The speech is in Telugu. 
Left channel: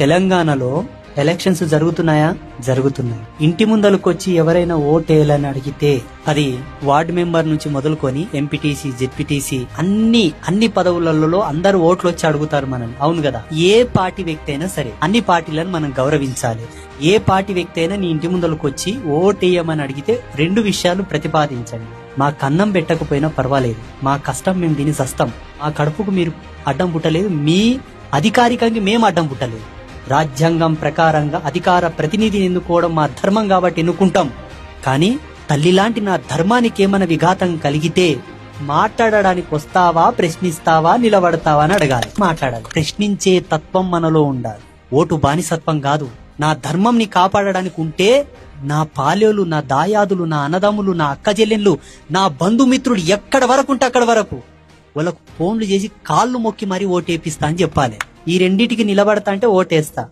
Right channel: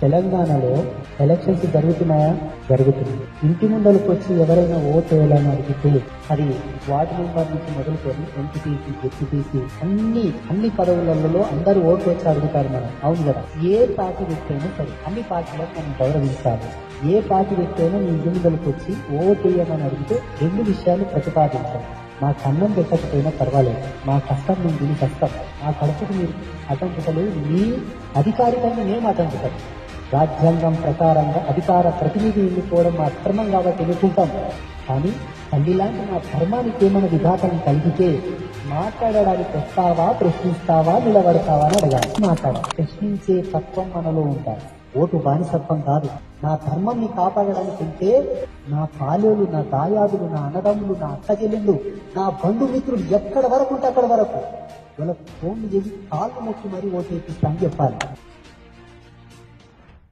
తెలంగాణలో ఎలక్షన్స్ జరుగుతున్నాయా? జరుగుతున్నాయి. ఇంటి ముందరకు వచ్చి ఎవరైనా ఓటేయాలని అడిగితే అది వార్డు మెంబర్ నుంచి మొదలుకొని ఎంపీటీసీ, జెడ్పీటీసీ అన్ని పదవులలో అందరూ ఓట్లు వచ్చి అడుగుతారు మనం. అవును కదా? ఏ పార్టీ వ్యక్తి అయినా సరే అన్ని పార్టీలను మనం గౌరవించాలి. ఏ పార్టీ వ్యక్తి అయినా నీ ఇంటి ముందరకు వచ్చి ఓటేయమని అడిగితే 2 విషయాలు ప్రతిపాదించండి. మా కన్నం పెట్టకపోయినా పర్వాలేదు, మా కష్టం మేము దీన్ని సస్తాం, మా కడుపుకు మీరు అడ్డం పుట్టలేదు, మీ అధికారికంగా మేము అడ్డం పుట్టలేదు. రాజ్యాంగం ప్రకారంగా అధికార ప్రతినిధి ఎన్నుకోవడం మా ధర్మం కాబట్టి ఎన్నుకుంటాం. కానీ తల్లిలాంటి నా ధర్మానికి ఏమైనా విఘాతం కలిగితే మాట్లాడడానికి వస్తావా, ప్రశ్నిస్తావా, నిలబడతావా అని అడగాలి. మాట్లాడాలి. ప్రశ్నించే తత్వం మనలో ఉండాలి. ఓటు బానిసత్వం కాదు. నా ధర్మంని కాపాడడానికి ఉంటే నా పాల్యోలు, నా దాయాదులు, నా అన్నదమ్ములు, నా అక్క చెల్లెళ్ళు, నా బంధుమిత్రులు ఎక్కడ వరకు ఉంటే అక్కడ వరకు వాళ్ళకు ఫోన్లు చేసి కాళ్ళు మొక్కి మరీ ఓటేపిస్తా అని చెప్పాలి. ఈ రెండిటికి నిలబడతా అంటే ఓటేస్తా.